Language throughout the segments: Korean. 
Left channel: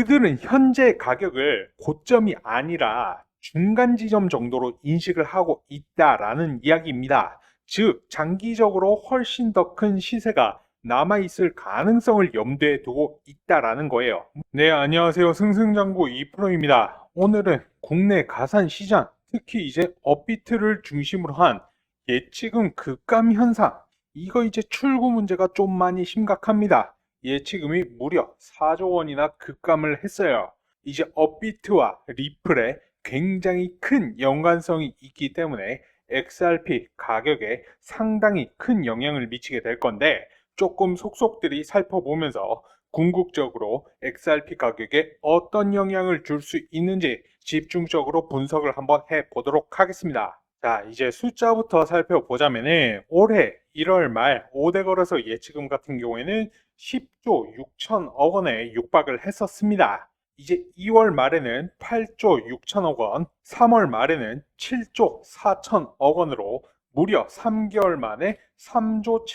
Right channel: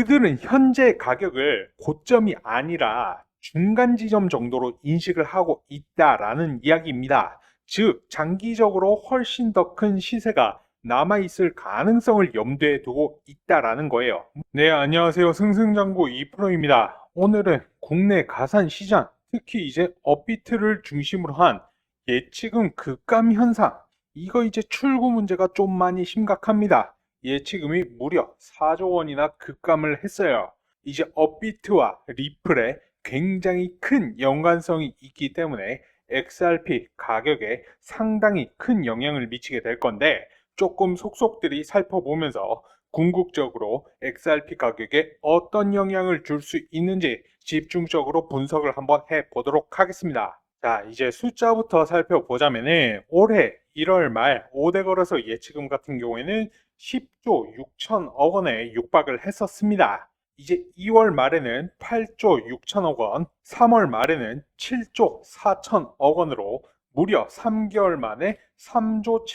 그들은 현재 가격을 고점이 아니라 중간 지점 정도로 인식을 하고 있다라는 이야기입니다. 즉, 장기적으로 훨씬 더 큰 시세가 남아있을 가능성을 염두에 두고 있다라는 거예요. 네, 안녕하세요. 승승장구 2프로입니다. 오늘은 국내 가산 시장, 특히 이제 업비트를 중심으로 한 예치금 급감 현상, 이거 이제 출구 문제가 좀 많이 심각합니다. 예치금이 무려 4조 원이나 급감을 했어요. 이제 업비트와 리플에 굉장히 큰 연관성이 있기 때문에 XRP 가격에 상당히 큰 영향을 미치게 될 건데, 조금 속속들이 살펴보면서 궁극적으로 XRP 가격에 어떤 영향을 줄 수 있는지 집중적으로 분석을 한번 해보도록 하겠습니다. 자, 이제 숫자부터 살펴보자면 올해 1월 말 5대 거래소 예치금 같은 경우에는 10조 6천억 원에 육박을 했었습니다. 이제 2월 말에는 8조 6천억 원, 3월 말에는 7조 4천억 원으로 무려 3개월 만에 3조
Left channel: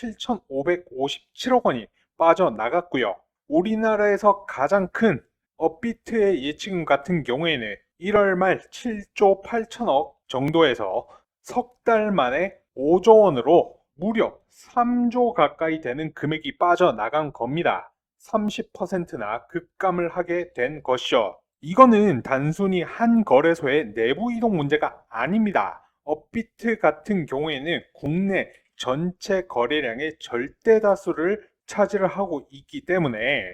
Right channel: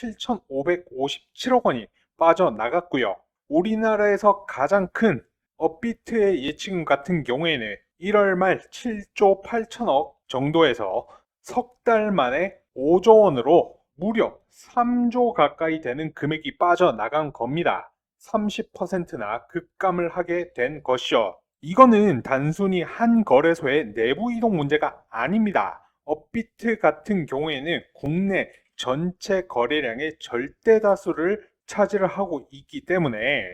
7,557억 원이 빠져나갔고요. 우리나라에서 가장 큰 업비트의 예치금 같은 경우에는 1월 말 7조 8천억 정도에서 석 달 만에 5조 원으로 무려 3조 가까이 되는 금액이 빠져나간 겁니다. 30%나 급감을 하게 된 것이요. 이거는 단순히 한 거래소의 내부 이동 문제가 아닙니다. 업비트 같은 경우에는 국내 전체 거래량의 절대 다수를 차지를 하고 있기 때문에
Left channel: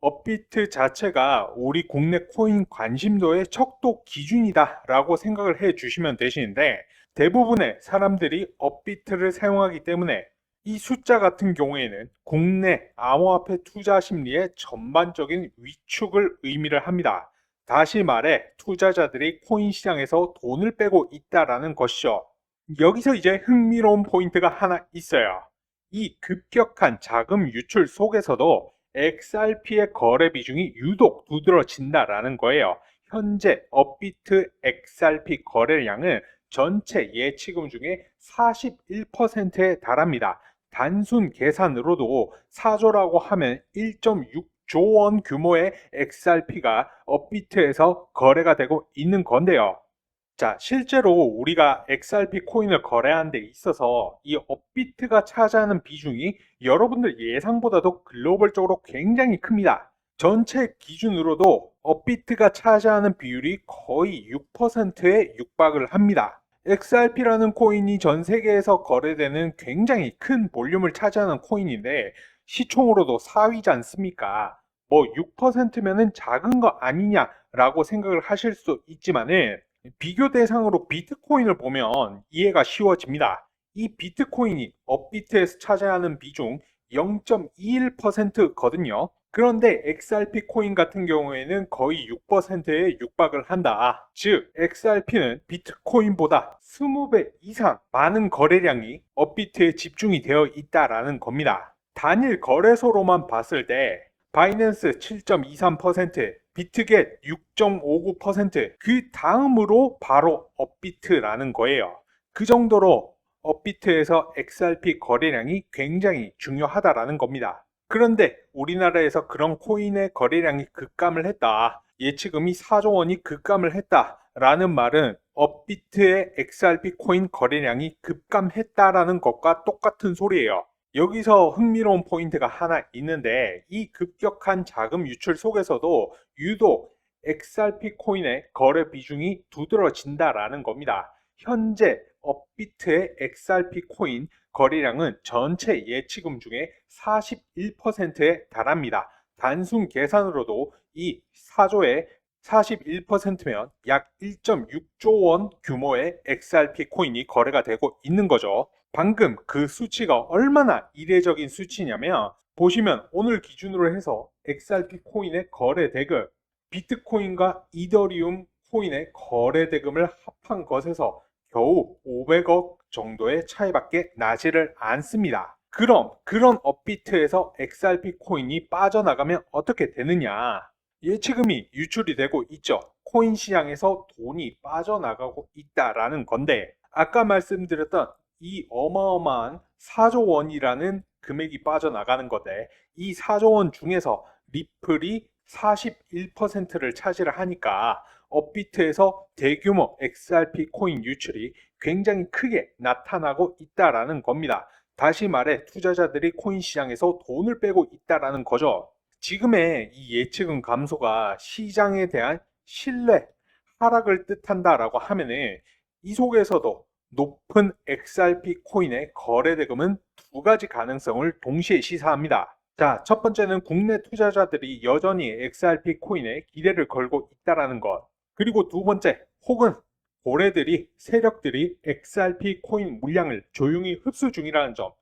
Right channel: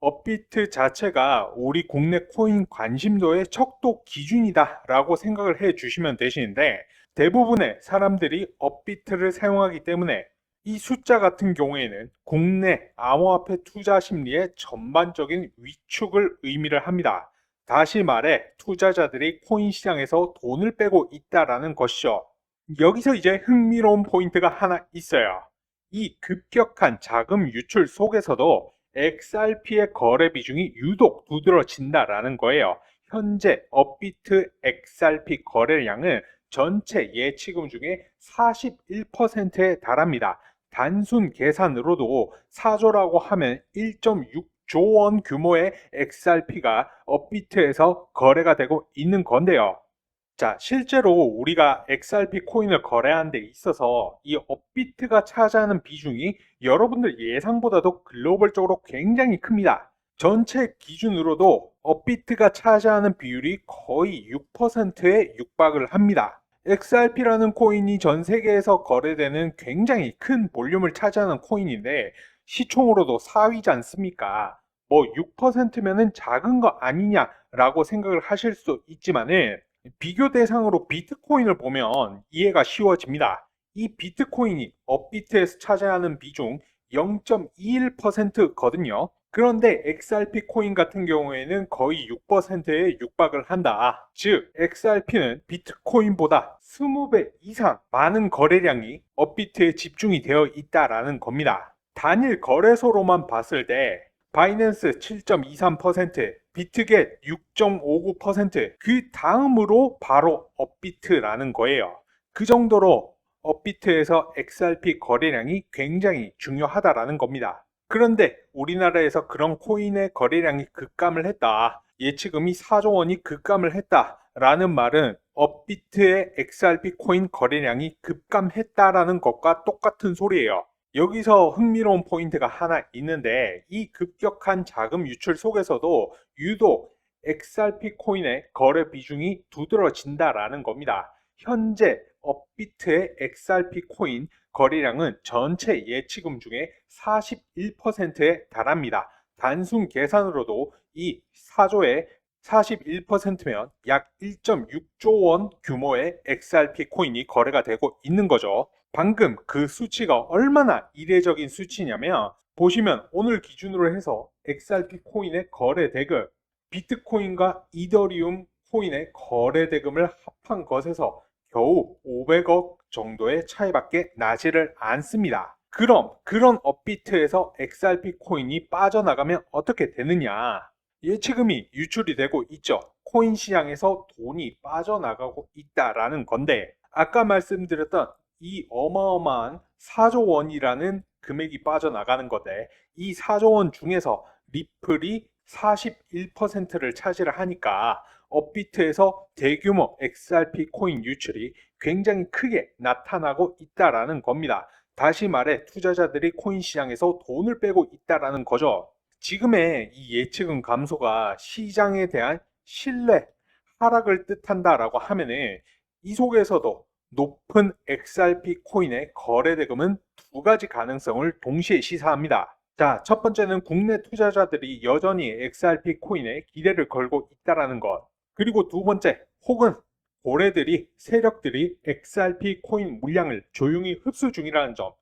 업비트 자체가 우리 국내 코인 관심도의 척도 기준이다 라고 생각을 해 주시면 되시는데, 대부분의 사람들이 업비트를 사용하기 때문에 이 숫자 같은 경우에는 국내 암호화폐 투자 심리의 전반적인 위축을 의미를 합니다. 다시 말해 투자자들이 코인 시장에서 돈을 빼고 있다라는 것이죠. 여기서 이제 흥미로운 포인트가 하나 있어요. 이 급격한 자금 유출 속에서도 XRP의 거래 비중이 유독 두드러진다라는 거예요. 현재 업비트 XRP 거래량은 전체 예치금 중에 41%에 달합니다. 단순 계산으로도 4조라고 하면 1.6조 원 규모의 XRP가 업비트에서 거래가 되고 있는 건데요. 자, 실제로 우리가 XRP 코인을 거래하는 데 있어서 이 업비트가 차지하는 비중이 여러분들 예상보다도 글로벌적으로 굉장히 큽니다. 전체 기준으로도 업비트가 차지하는 비율이 거의 6%에 육박을 합니다. XRP라는 코인이 전 세계에서 거래되는 굉장히 큰 볼륨을 차지하는 코인인데 시총으로도 4위지 않습니까? 뭐 6%면은 작은 거 아니냐라고 생각을 하실 수 있지만은, 비교 대상으로 비트코인을 보면 이해가 쉬워집니다. 이 비트코인이 업비트에서 차지하는 비중 0.21%거든요. 그런데 XRP 코인 같은 경우에는 거의 6%에 육박을 한다. 즉, XRP는 비트코인보다 20배 이상 많은 거래량이 업비트에 집중이 되어 있다라는 겁니다. 단일 거래소로만 봤을 때 바이낸스 7.23%, 비트겟 6.59%, 그 다음으로 바로 업비트라는 거예요. 그 정도로 업비트에서 XRP 거래량이 굉장히 중요하다라는 겁니다. 그런데 우리나라에서 그런 코인의 거래량이 급감을 했다, 예치금이 4조 원이 급감을 했다라는 말은 업비트의 XRP 코인 거래량이 급감했다라는 것과 똑같은 소리예요. 여기서 흥미로운 포인트가 하나 있는데, 이 급격한 자금 유출 속에서도 유독 XRP 코인의 거래 비중이 두드러진다라는 겁니다. 현재 업비트의 XRP 코인 거래량은 전체 예치금 중에 41%에 달합니다. 단순 계산으로도 이 4조의 41%면 약 1.6조 원 규모의 XRP 코인이 거래가 되고 있는 거죠. 방금 그 수치가 얼마나 이례적인 수치냐면, 보시면 오늘 기준으로 해서 XRP 코인의 거래 대금, 비트코인과 이더리움 코인의 거래 대금을 합한 것에서 겨우 500억 정도의 차이밖에 나지를 않습니다. 그럼 그런 업비트에서 XRP 코인이 빠져나가면 어떻게 되느냐? 예치금이 유출이 되고 있죠. 코인 시장에서 돈이 빠져나가고 있다라는 건데, 아까 말씀드렸던 이 어마어마한 4조 원이라는 금액이 빠져나가는 건데, 이 4조 원 중에서 리플이 41%를 차지를 하니까 업비트에서 대규모 XRP 코인 유출이 굉장히 크게 나타나고 있다라는 겁니다. 다시 말해 투자자들이 코인 시장에서 돈을 빼고 있다라는 거죠. 지금의 이 예측은 감소가 시장에 대한 신뢰 하락을 뜻한다라고 하면은 이 속에서도 높은 XRP 코인의 거래 대금은 두 가지 가능성을 동시에 시사합니다. 자, 첫 번째는 국내 투자자들이 여전히 XRP 코인에 기대를 걸고 있다라는 것. 그리고 두 번째, 혹은 고래들이, 세력들이 XRP 코인 물량을 조용히 흡수 중이라는 점.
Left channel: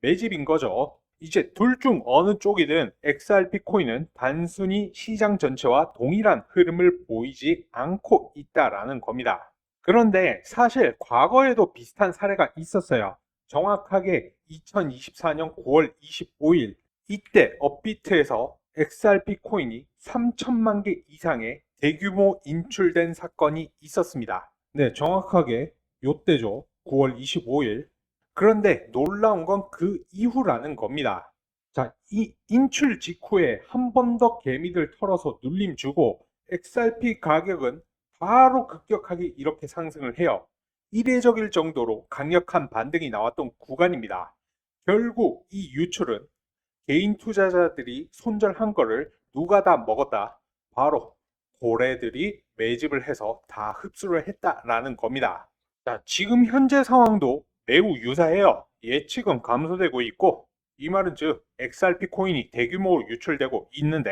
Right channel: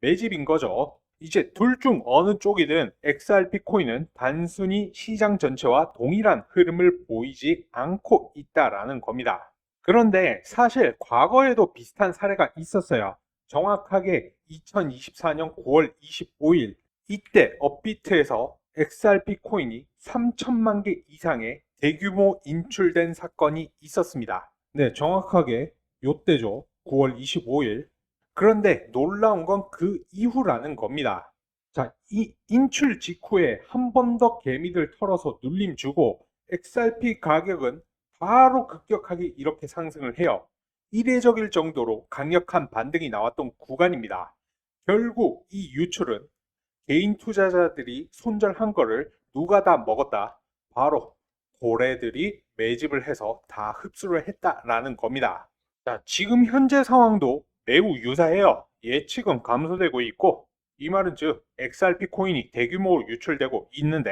매집인 거죠. 이제 둘 중 어느 쪽이든 XRP 코인은 단순히 시장 전체와 동일한 흐름을 보이지 않고 있다라는 겁니다. 그런데 사실 과거에도 비슷한 사례가 있었어요. 정확하게 2024년 9월 25일 이때 업비트에서 XRP 코인이 3천만 개 이상의 대규모 인출된 사건이 있었습니다. 네, 정확하게 요때죠. 9월 25일. 그런데 놀라운 건 그 이후라는 겁니다. 자, 이 인출 직후에 한 번 더 개미들 털어서 눌림 주고 XRP 가격은 바로 급격하게 이렇게 상승을 해요. 이례적일 정도로 강력한 반등이 나왔던 구간입니다. 결국 이 유출은 개인 투자자들이 손절한 거를 누가 다 먹었다? 바로 고래들이 매집을 해서 다 흡수를 했다라는 겁니다. 자, 지금 현재 상황도 매우 유사해요. 예측은 감소되고 있고, 이 말은 즉 XRP 코인이 대규모로 유출되고 있는데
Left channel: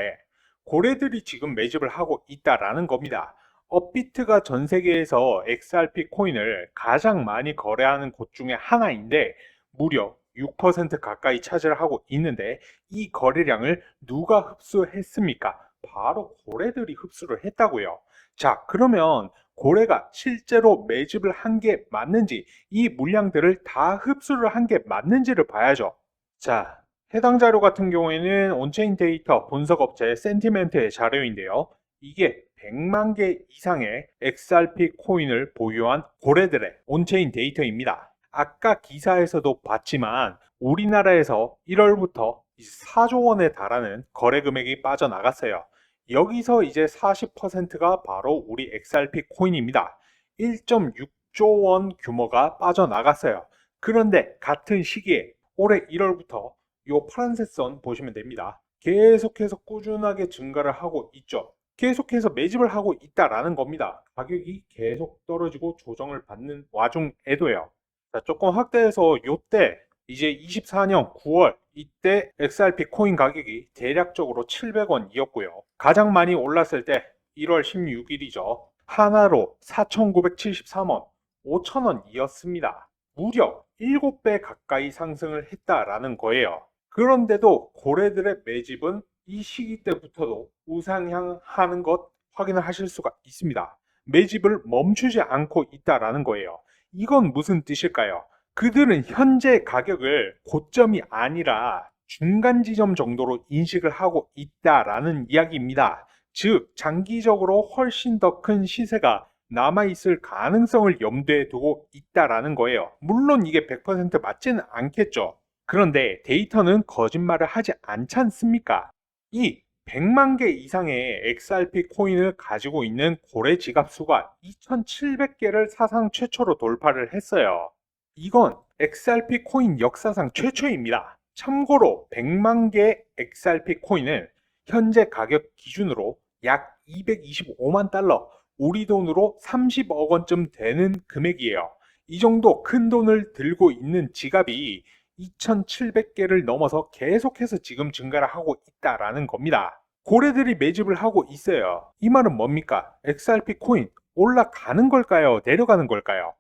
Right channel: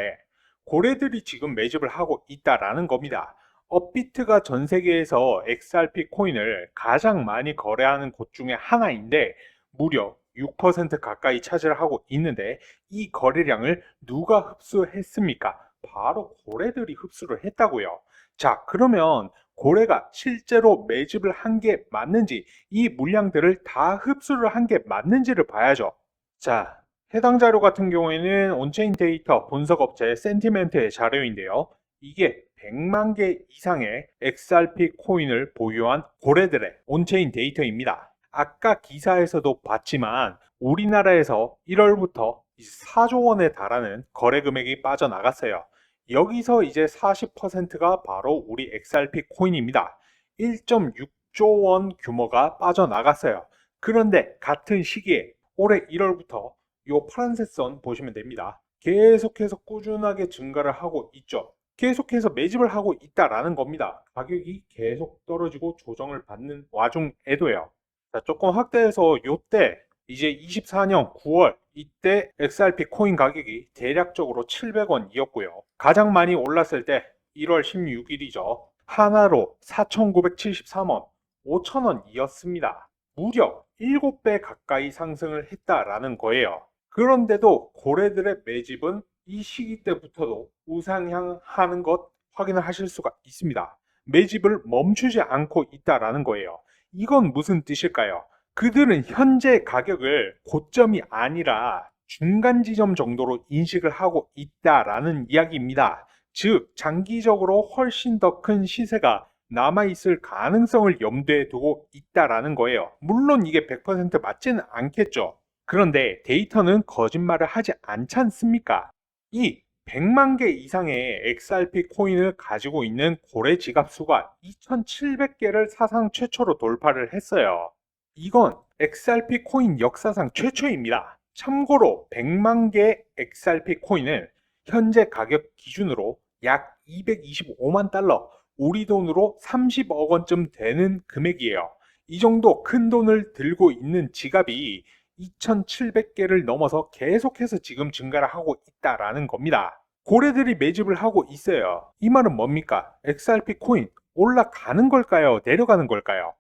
고래들이 지금 매집을 하고 있다라는 겁니다. 업비트가 전 세계에서 XRP 코인을 가장 많이 거래하는 곳 중에 하나인데 무려 6% 가까이 차지를 하고 있는데 이 거래량을 누가 흡수했습니까? 바로 고래들이 흡수를 했다고요. 자, 그러면 고래가 실제로 매집을 한 게 맞는지, 이 물량들을 다 흡수를 한 게 맞는지를 봐야죠. 자, 해당 자료 같은 경우에는 온체인 데이터 분석업체 센티멘트의 자료인데요. 이게 100만 개 이상의 XRP 코인을 보유한 고래들의 온체인 데이터입니다. 아까 기사에서도 봤지만 우리나라에서 1월부터 4조 원에 달하는 거래 금액이 빠져나갔어요. 여기서 이제 40%가 바로 우리 XRP 코인입니다. 1.6조 원 규모가 빠져나갔어요. 그런데 같은 시기에 올해 1월부터 이 파란색 선 보시면 됩니다. 계속해서 꾸준하게 증가를 하고 있죠. 계속해서 매집을 하고 있다라는 겁니다. 가격이 계속 떨어지고 조정을 받는 와중에도요. 자, 조금 확대해서 요때 이제 24년 9월 이때 XRP 코인 가격이 대략적으로 700원이었고요. 가장 많이 올랐을 때 1월 16일이죠. 하나로 4,973원, 5,000원이었습니다. 무려 7배 가까이 상승을 했다라는 거예요. 그런데도 고래들의 매집은 이 시기 때부터도 우상향하는 것 확인을 하실 수가 있습니다. 매집을 멈추지 않고 있다라는 거예요. 이건 무슨 뜻일까요? 그들은 현재 가격을 고점이 아니라 중간 지점 정도로 인식을 하고 있다라는 이야기입니다. 즉, 장기적으로 훨씬 더 큰 시세가 남아있을 가능성을 염두에 두고 있다라는 거예요. 물론 이게 100% 맞지는 않겠죠. 그런데 데이터는 거짓말을 하지 않지 않습니까? 이 100만 개 이상의 XRP 코인을 가지고 있는 고래 지갑 수가 2,700개를 사상 최초로 돌파를 했어요. 이건 XRP 코인 역사상 최초입니다. 참고로 100만 개의 XRP 코인은 현재 가격 기준으로 약 225만 달러, 우리 돈으로 30억 원쯤 되는 금액이에요. 이 정도 큰 돈을 들고 있는 지갑이 2,700개를 넘어서 계속해서 지금 증가를 하고 있다라는 겁니다. 고래들이 매집을 하고 있어요. 이 말은 뭡니까? XRP 코인 올라가는 걸까요? 내려가는 걸까요?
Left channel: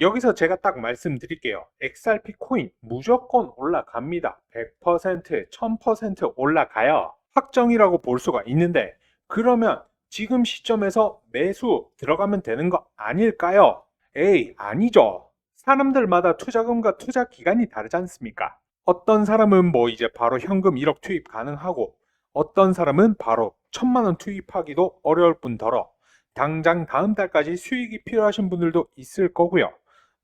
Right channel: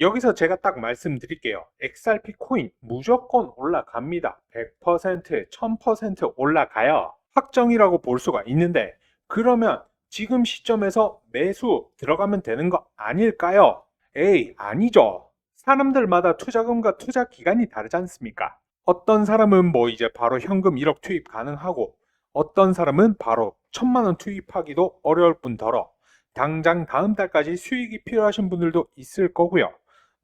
여기서 제가 딱 말씀드릴게요. XRP 코인 무조건 올라갑니다. 100%, 1000% 올라가요. 확정이라고 볼 수가 있는데 그러면 지금 시점에서 매수 들어가면 되는 거 아닐까요? 에이, 아니죠. 사람들마다 투자금과 투자 기간이 다르지 않습니까? 어떤 사람은 뭐 이제 바로 현금 1억 투입 가능하고 어떤 사람은 바로 1,000만 원 투입하기도 어려울 뿐더러 당장 다음 달까지 수익이 필요하신 분들도 있을 거고요.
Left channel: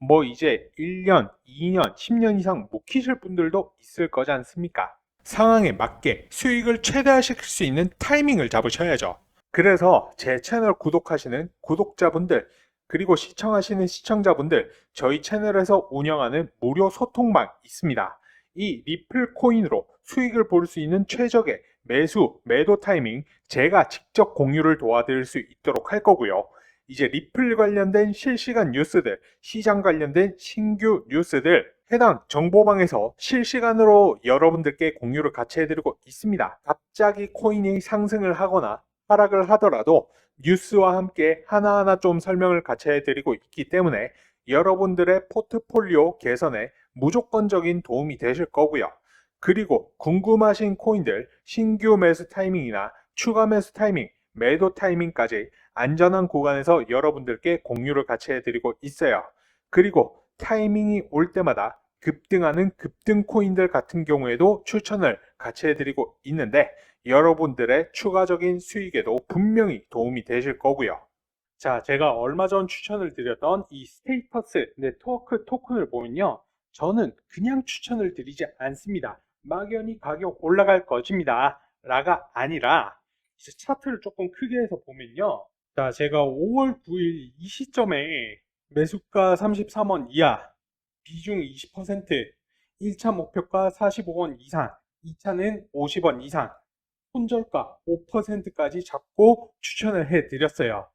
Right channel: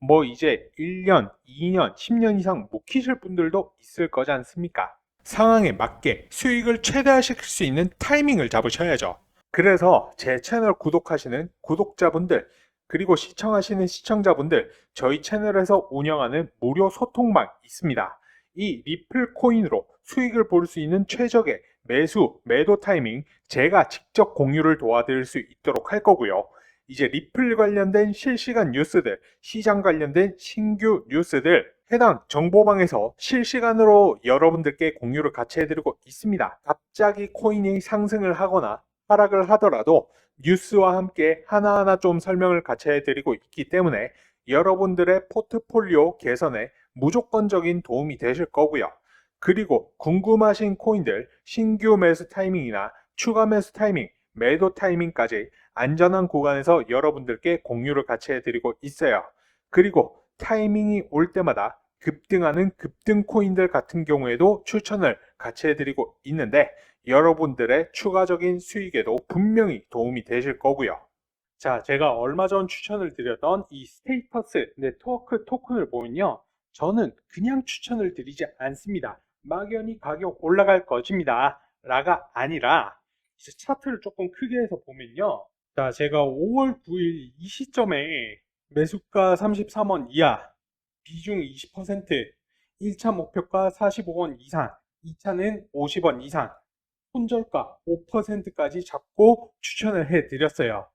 뭐 이제 1년, 2년, 10년 이상 묵히실 분들도 있을 거지 않습니까? 상황에 맞게 수익을 최대화시킬 수 있는 타이밍을 잡으셔야죠. 그래서 제 채널 구독하시는 구독자분들, 그리고 시청하시는 시청자분들, 저희 채널에서 운영하는 무료 소통방 있습니다. 이 리플 코인으로 수익을 볼 수 있는 최적의 매수, 매도 타이밍 제가 직접 공유를 도와드릴 수 있도록 할 거고요. 이제 리플 관련된 실시간 뉴스들, 시장 관련된 신규 뉴스들 해당 정보방에서 실시간으로 여러분들께 공유를 같이 해드리고 있습니다. 갑자기 코인이 상승을 하거나 하락을 하더라도 뉴스와 함께 하나하나 좀 설명을 같이 해드리고 있기 때문에 여러분들의 포트폴리오 개선에 무조건적인 도움이 되실 거고요. 그리고 궁금하신 코인들 신규 매수 타이밍이나 추가 매수 타이밍, 매도 타이밍까지 안전한 구간에서 여러분들께 공유를 같이 해드리고 있어요. 그리고 타이밍이 올 때마다 급등하는 급등 코인들 같은 경우에도 추천을 같이 해드리고 있는데 여러분들의 추가적인 수익에도 분명히 도움이 되실 거고요. 자, 제가 얼마 전 추천을 드렸던 이 스테이터스 네트워크 토큰을 보면요. 저는 그냥 추천을 드리지 않습니다. 막연히 가격 올라갈 것입니다. 라가 아니라 이제 차트를 조금 크게 해서 보면요. 자, 제가 5월 9일 이 시점에 매수가 33원 이하, 비중 20%, 1차 목표가 45원 이상, 2차는 50원 이상, 손절가 5%까지 잡고 추천을 해드렸어요.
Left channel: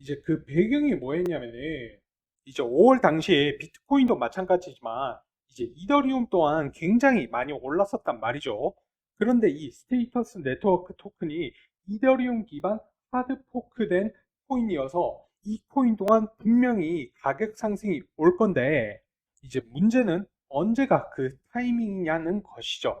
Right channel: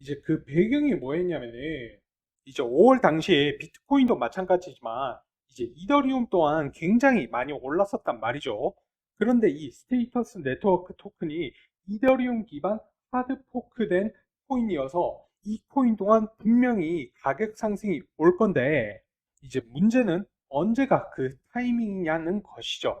이제 그 배경이 뭐였냐면은 이제 5월 당시에 비트코인도 마찬가지지만 이제 이더리움 또한 굉장히 많이 올랐었단 말이죠. 그런데 이 스테이터스 네트워크 토큰이 이더리움 기반 하드 포크된 코인이어서 이 코인 또한 분명히 가격 상승이 올 건데 이제 문제는 언제가 그 타이밍이냐는 것이죠.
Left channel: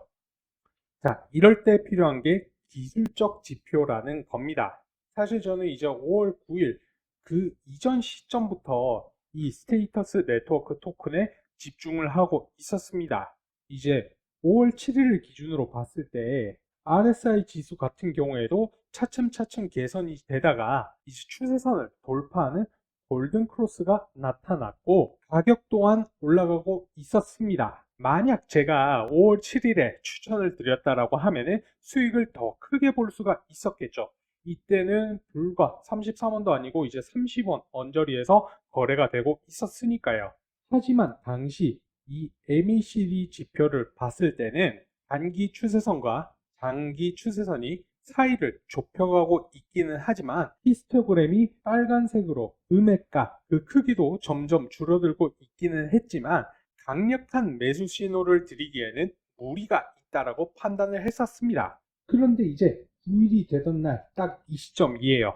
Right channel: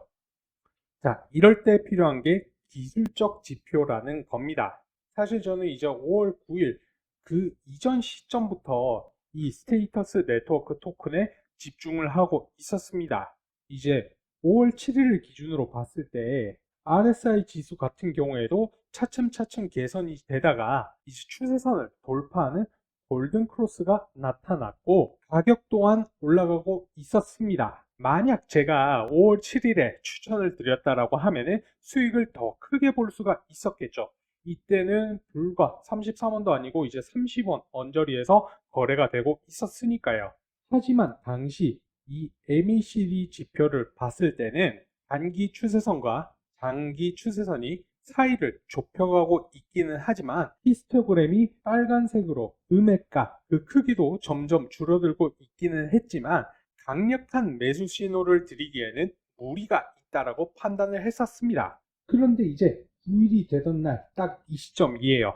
자, 이럴 때 필요한 게 기술적 지표라는 겁니다. 사실 저는 이제 5월 9일 그 이전 시점부터 이 스테이터스 네트워크 토큰에 집중을 하고 있었습니다. 이제 5월 7일을 기준으로 봤을 때 RSI 지수 같은 경우에도 차츰차츰 개선이 되다가 이제 추세선을 돌파하는 골든 크로스가 나타났고 가격 또한 올라가고 있었습니다. 만약 제가 5월 7일에 추천을 드렸다라고 하면은 수익을 더 크게 볼 수가 있었겠죠. 이때는 불과 33원도 아니고 이제 30원 언저리에서 거래가 되고 있었으니까요. 하지만 당시 이 MACD 지표를 봤을 때는 단기 추세선과 장기 추세선이 사이를 좁혀가고 있기는 하지만 히스토그램이 빨간색으로 음액과 그 크기도 점점 줄어들고 있기는 했지만 강력한 매수 신호를 드리기에는 무리가 있다라고 판단을 했었습니다. 그런데 이제 9일이 되던 날 딱 이 시점이에요.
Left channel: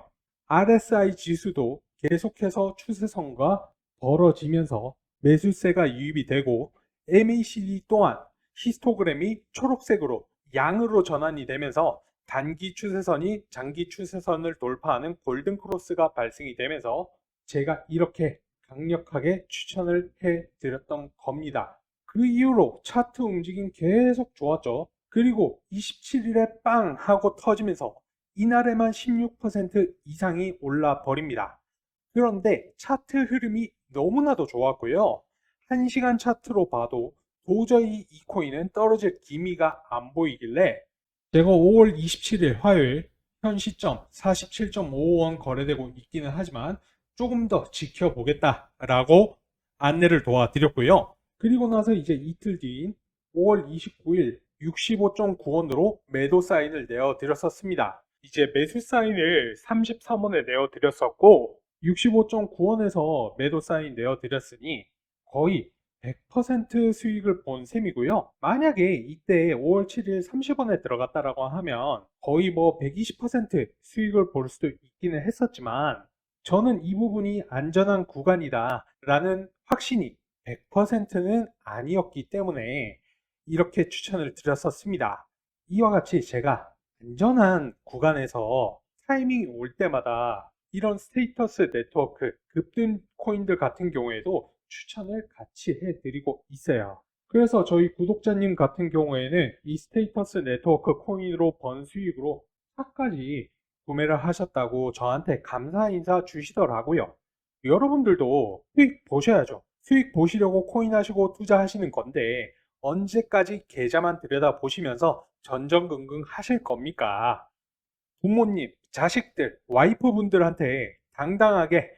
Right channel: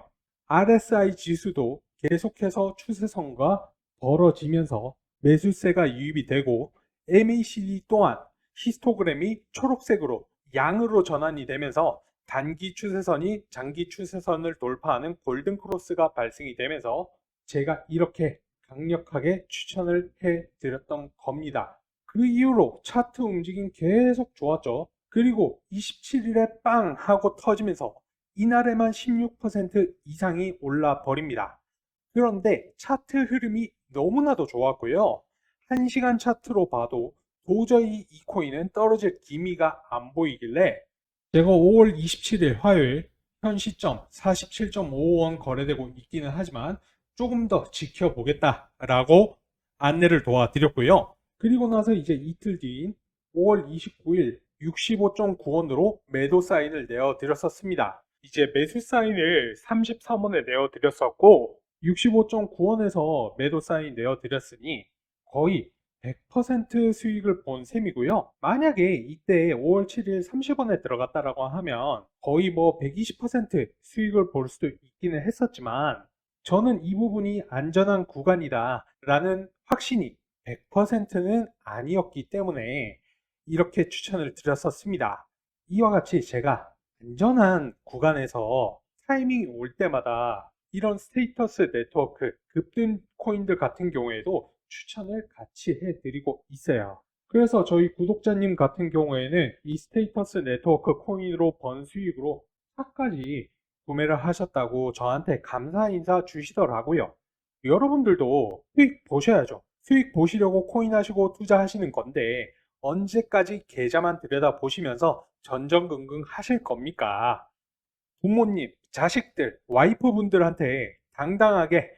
RSI 지수도 계속해서 추세선과 벌어지면서 매수세가 유입이 되고 MACD 또한 히스토그램이 초록색으로 양으로 전환이 되면서 단기 추세선이 장기 추세선을 돌파하는 골든 크로스가 발생이 되면서 제가 이렇게 강력하게 추천을 해 드렸던 겁니다. 그 이후로 차트 움직임 계속 좋았죠. 그리고 27일에 빵 하고 터지면서 이날에만 16% 이상이 올라 버립니다. 그런데 차트 흐름이 너무나도 좋았고요. 1시간 차트로 봐도 도저히 이 코인은 떨어질 기미가 안 보이길래 제가 5월 27일 화요일 현 시점 47.55원 거래되고 있기는 하지만 조금 더 지켜보겠다라고 안내를 도와드렸고요. 그리고 나서 이제 이틀 뒤인 5월 29일 65.9원으로 매도 사인을 내어드렸었습니다. 이제 매수 사인을 33원에 내어드렸었고 65.9원에서 매도 사인 내어드렸으니 거의 100% 수익을 본 셈이고요. 만약에 이때 5월 7일 30원에 들어갔다라고 하면 거의 뭐 120% 수익을 볼 수도 있기는 했었지만 저는 이 부분이 안전한 구간이다 라는 확신이 100%는 아니었기 때문에 이렇게 추천을 드렸었습니다. 이와 같이 제가 안전한 구간에서 타이밍이 올 때마다 이런 스테이터스 네트워크 급등 코인들 같은 경우에도 추천을 같이 해드리고 있어요. 그래서 저희 구독자님 같은 경우에는 이 스테이터스 네트워크 코인으로 번 수익으로 차까지 구매를 하셨다고 저한테 감사 인사 주시더라고요. 여러분들도 수익 보셔야죠. 수익 보시려고 코인 하시고 투자하시는 건데 언제까지 계좌만 들여다보시면서 전전긍긍 하실 겁니까? 부모님, 자식들, 와이프분들한테 당당하게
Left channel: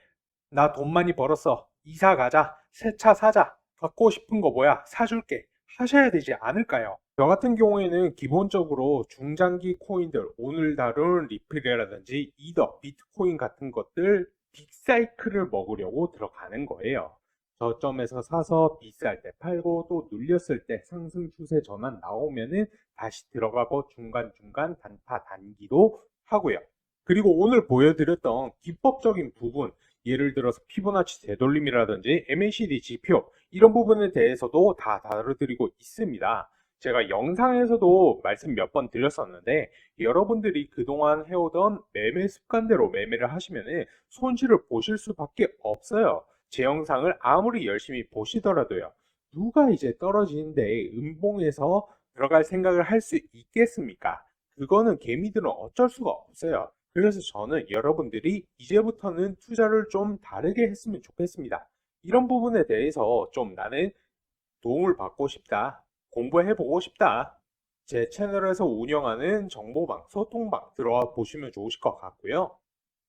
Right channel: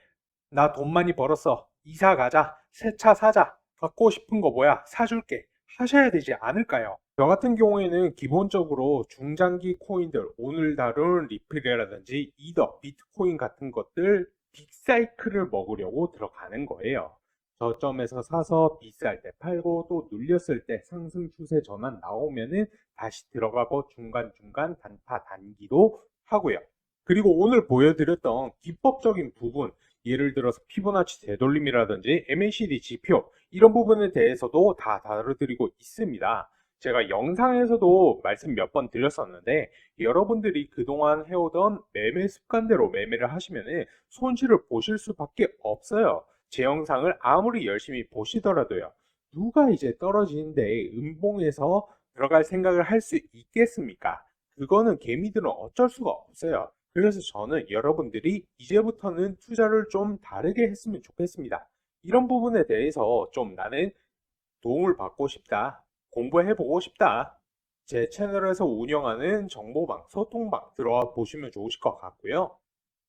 나 돈 많이 벌었어. 이사 가자. 새 차 사자. 갖고 싶은 거 뭐야? 사줄게. 하셔야 되지 않을까요? 저 같은 경우에는 기본적으로 중장기 코인들, 오늘 다룬 리플이라든지 이더, 비트코인 같은 것들 빅사이클을 먹으려고 들어가는 거예요. 저점에서 사서 비쌀 때 팔고 또 눌렸을 때 상승 추세 전환 나오면은 다시 들어가고 중간중간 단타 단기도 하고요. 그리고 오늘 보여드렸던 기법적인 부분, 예를 들어서 피보나치 되돌림이라든지 MACD 지표 이런 부분에 대해서도 다 다뤄드리고 있습니다. 제가 영상에서도 말씀 몇 번 드렸었는데 여러분들이 그동안 해오던 매매 습관대로 매매를 하시면 손실을 보실 수밖에 없어요. 제 영상을 아무리 열심히 보시더라도요. 누가 이제 떨어지는데 음봉에서 들어갈 생각을 할 수 있겠습니까? 그거는 개미들은 어쩔 수가 없어요. 그래서 저는 여러분들이 이제부터는 투자를 좀 다르게 했으면 좋겠습니다. 이런 부분에 대해서 좀 나는 도움을 받고 싶다. 공부해보고 싶다. 제 채널에서 운영하는 정보방, 소통방 들어와 보시면 좋으실 것 같고요.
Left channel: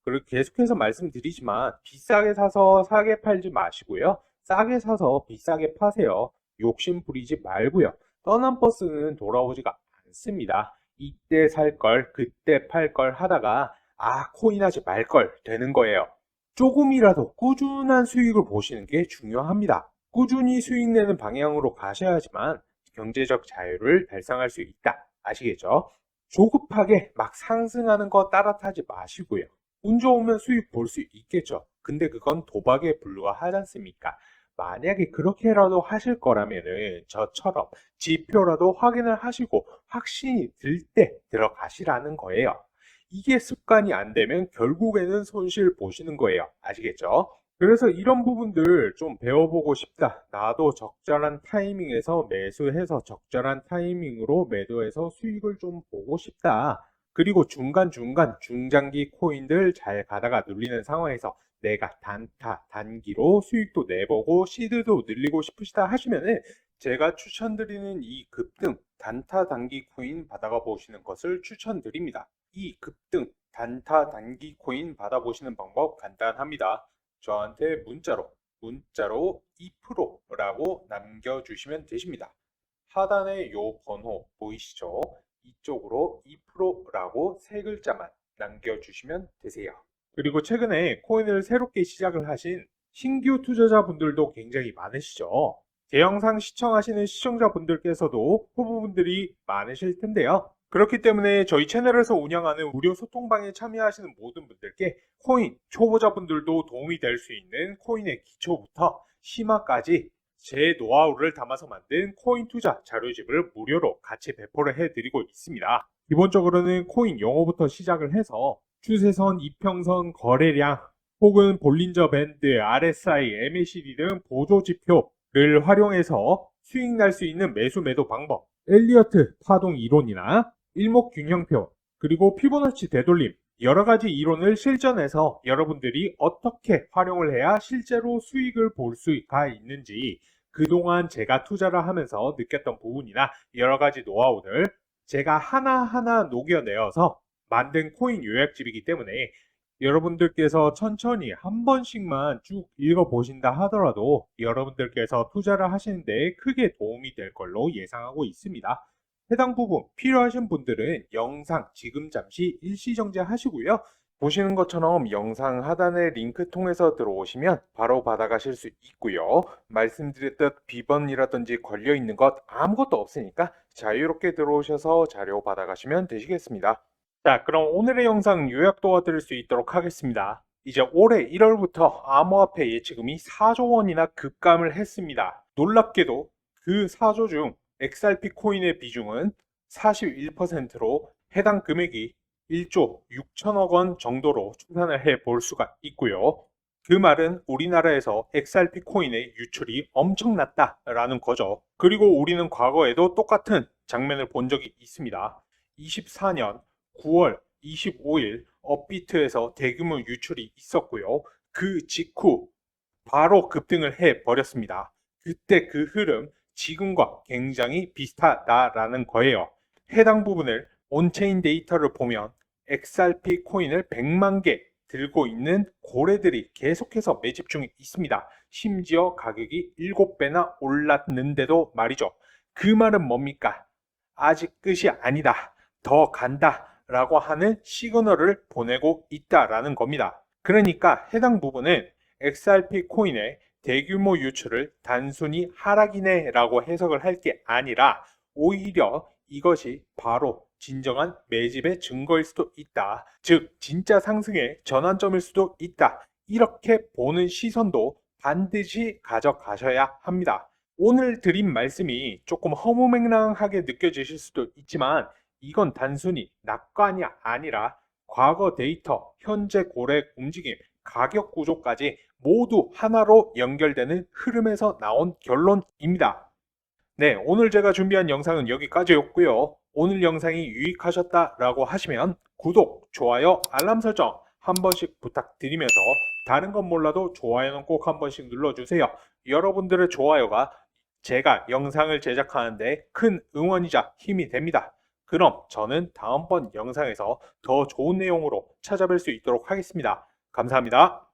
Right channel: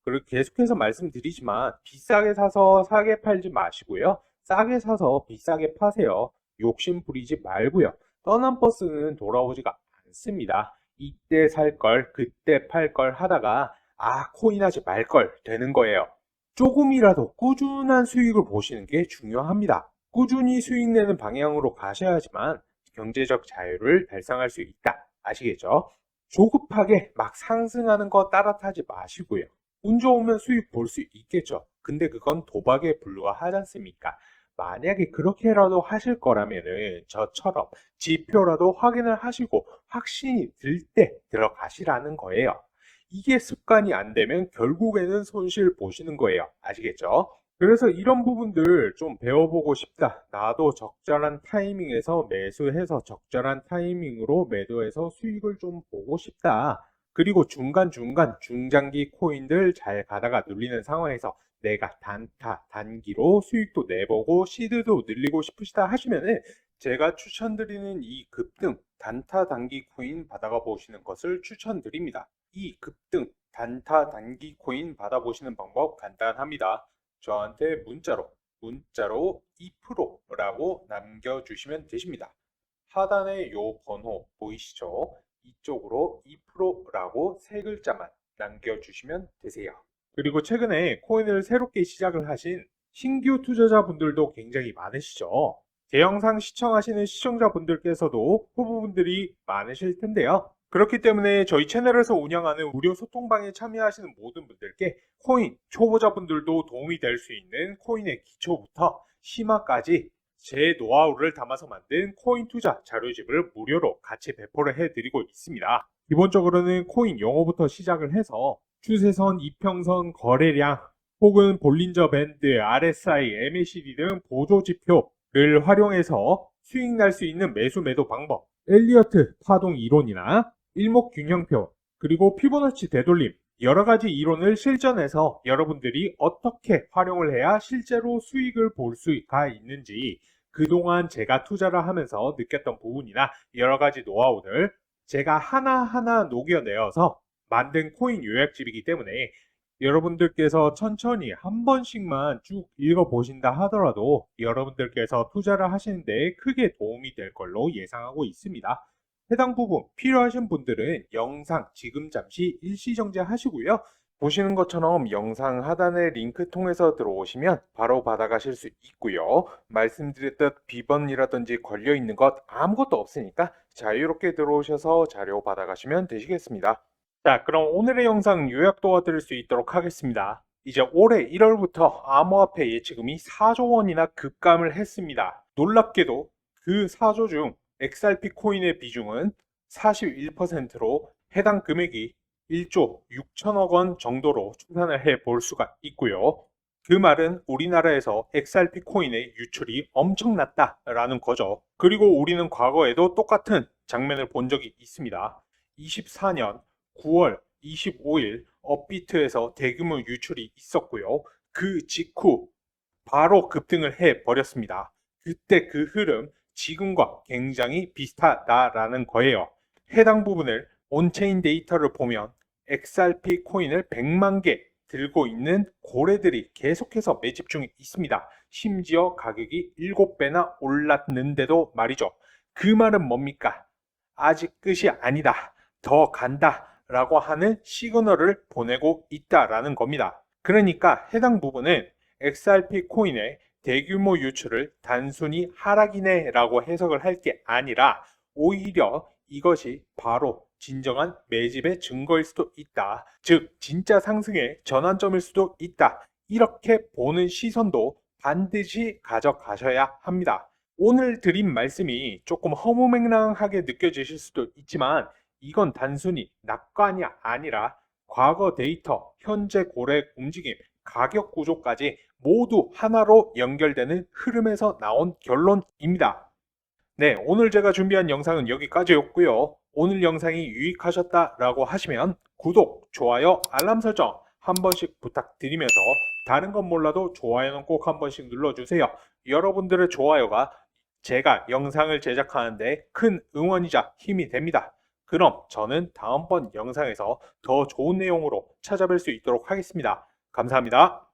그리고 계속해서 말씀드리지만 비싸게 사서 싸게 팔지 마시고요. 싸게 사서 비싸게 파세요. 욕심 부리지 말고요. 떠난 버스는 돌아오지가 않습니다. 이때 살 걸, 그때 팔 걸 하다가 코인 하지 말 걸 되는 거예요. 조금이라도 꾸준한 수익을 보시는 게 중요합니다. 꾸준히 수익 내는 방향으로 가셔야지만 경제적 자유를 달성할 수 있다. 아시겠죠? 조급하게 막 상승하는 거 따라타지 마시고요. 운 좋으면 수익 볼 수 있겠죠. 근데 그건 도박에 불과하지 않습니까? 만약에 그렇게라도 하실 거라면은 저처럼 지표라도 확인을 하시고 확신이 들 때 들어가시라는 거예요. 이게 습관이 안 되면 결국에는 손실 보시는 거예요. 아시겠죠? 그래서 이런 부분들 좀 배워보고 싶다. 나도 적절한 타이밍에서 매수해서 적절한 타이밍으로 매도해서 수익을 좀 보고 싶다. 그리고 중간중간 중장기 코인들 잘 가다가 눌리는 상황에서 내가 단타, 단기로 수익도 내보고 시드도 늘리고 싶으시다 하시면은 제가 추천드리는 이 급등 단타 단기 코인 받아가 보시는 것을 추천드립니다. 이 급등 단타 단기 코인 받아보시는 방법 간단합니다. 저한테 문자로 2%라고 남겨주시면 되십니다. 하단에 요 번호 보이시죠? 이쪽으로 2%라고 세 글자만 남겨주시면 되세요. 그리고 최근에 코인을 새롭게 시작을 하신 신규 투자자분들도 굉장히 많으시죠? 제 영상 시청하시는 시청자분들께서도 후보분들이 많으실 텐데요. 그렇기 때문에 저희 채널에서 운영하는 무료 소통방에 참여하시는 모든 분들께 코인 초보자분들도 도움이 될 수 있는 코인의 기초부터 심화까지 제 노하우를 담아서 만든 코인 투자 자료집을 무료로 같이 배포를 해드리고 있습니다. 기본적으로는 코인 용어부터 시작을 해서 추세선, 이평선, 거래량, 혹은 볼린저 밴드, RSI, MACD 등 보조지표를 활용해서 수익 날 수 있는 매수 매도 방법, 엘리어트 파동 이론이나 일목균형표, 그리고 피보나치 되돌림, 여러 가지 이론을 실전해서 여러분들이 어떻게 활용을 해야 실제로 수익을 볼 수가 있는지 그동안 제가 투자를 하면서 느꼈던 부분이나 여러 가지 노하우들 제가 하나하나 녹여내어서 만든 코인 요약집이기 때문에 여러분들께서 천천히 한 번씩만 쭉 읽어보신다 하더라도 여러분들께서 투자를 하시는데 크게 도움이 될 걸로 예상하고 있습니다. 해당 부분 필요하신 분들은 영상 지금 잠시 일시정지 하시고요. 보시는 것처럼 영상 하단의 링크 통해서 들어오시면 바로 받아가실 수 있고요. 말씀드렸던 비번이라든지 걸려있는 것 아무것도 없으니까 자유롭게 들어오셔서 자료 받아가시면 되시겠습니다. 자, 그럼 오늘의 영상 요약 도와드릴 수 있도록 하겠습니다. 이제 올해 1월부터 암호화폐 예치금이 4조 원이나 급감을 했습니다. 놀랍게도 그 4조 중 XRP 코인의 비중은 41%로 해당 금액이 1조 6천억 원 정도로 추산을 해 볼 수가 있고요. 그 말은 우리나라에서 XRP 코인의 유출이 엄청났다라는 거죠. 그리고 우리는 과거에도 똑같은 장면을 본 적이 있습니다. 24년 9월 25일 업비트에서 대규모 유출이 있었고요. 그 직후 바로 급등을 해 버렸습니다. 그때 그 흐름 지금과 굉장히 비슷하다라는 거예요. 해당 부분을 온체인 데이터를 보면 XRP 코인을 100만 개 들고 있는 고래들이 계속해서 매집 중에 있습니다. 심지어 가격이 7배나 올랐는데도 말이죠. 그 말은 뭡니까? 아직 끝이 아니다. 더 간다. 라고 하는 시그널을 보내고 있다라는 겁니다. 그러니까 해당 부분을 XRP 코인의 대규모 유출을 단순히 하락이네 라고 해석을 할 게 아니라 오히려 이것이 바로 진정한 매집의 증거일 수도 있다. 즉 진짜 상승의 전환점일 수도 있다. 이렇게 보는 시선도 반드시 가져가셔야 합니다. 오늘 드린 말씀이 조금 허무맹랑하게 느껴지실 수도 있지만 이건 단순히 낙관이 아니라 과거 데이터, 현재 고래 움직임, 가격 구조까지 모두 하나로 연결되는 흐름에서 나온 결론입니다. 네, 오늘 제가 준비한 영상은 여기까지였고요. 오늘 영상이 유익하셨다라고 하시면 구독, 좋아요, 알람 설정 한 번씩 부탁드리면서 다른 건 몰라도 좋아요는 꼭 한 번씩 눌러주세요. 여러분들의 좋아요가 제가 영상을 제작하는데 큰 응원이자 힘이 됩니다. 그럼 저는 다음번 영상에서 더 좋은 내용으로 찾아뵐 수 있도록 하겠습니다. 감사합니다.